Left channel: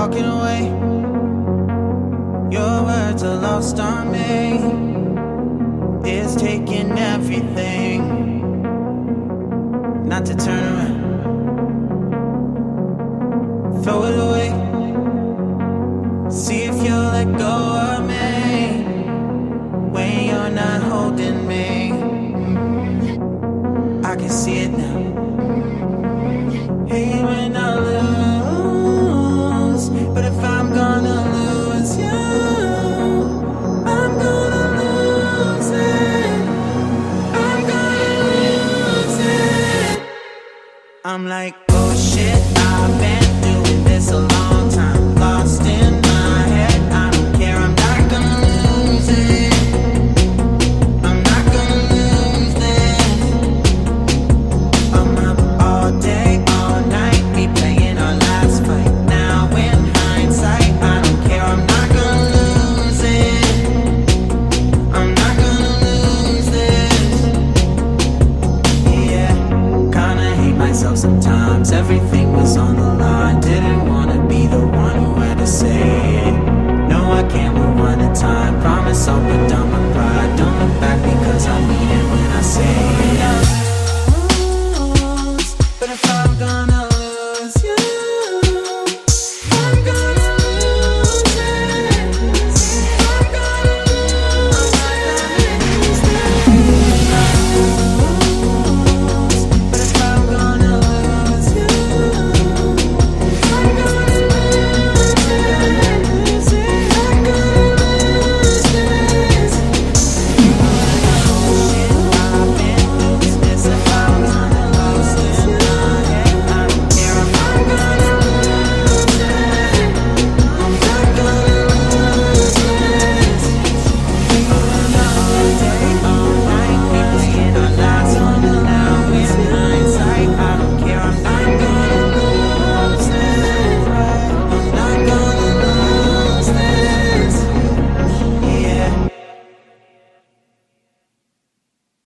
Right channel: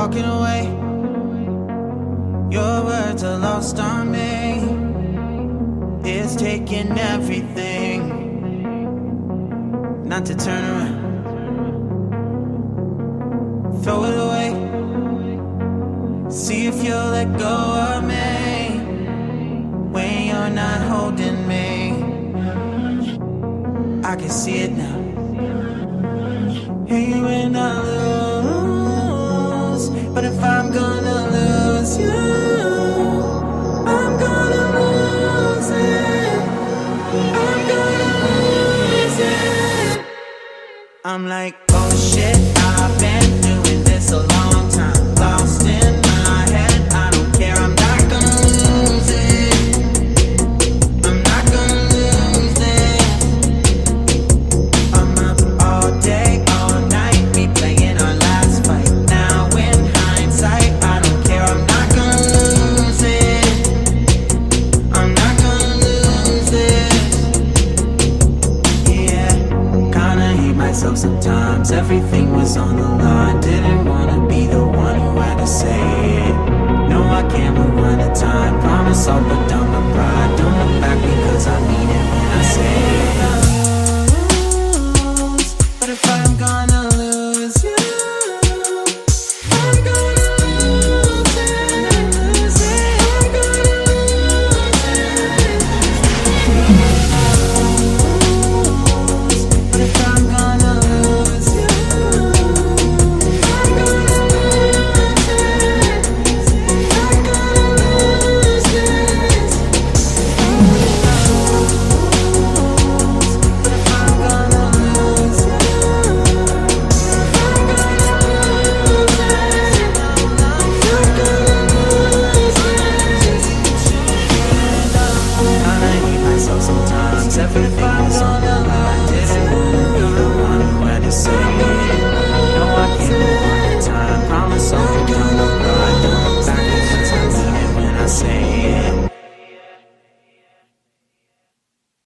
walking away. Your words are lost on me. It's taking everything not to turn around. Throw it away. See if you'll let go of me when you're not holding me. I can see it now. Hey, when I lose, but if I'm gonna lose you, I'm gonna lose it. I'm gonna lose it. I'm like, oh shit, I've been doing this a long time. Lost in my head, I don't care, I'm not gonna lose it. I'm not gonna lose this. I'm up all day, all night, me playing our last fight. Now in hindsight, I don't care, I'm not gonna lose it. I'm not gonna lose this. Yeah, kinda hate myself sometimes. Everything was on the line. Didn't wanna be the one who had to say it. No, I can't move one at a time. Promise I'll put down my pride. Don't look back because I mean it when I say it.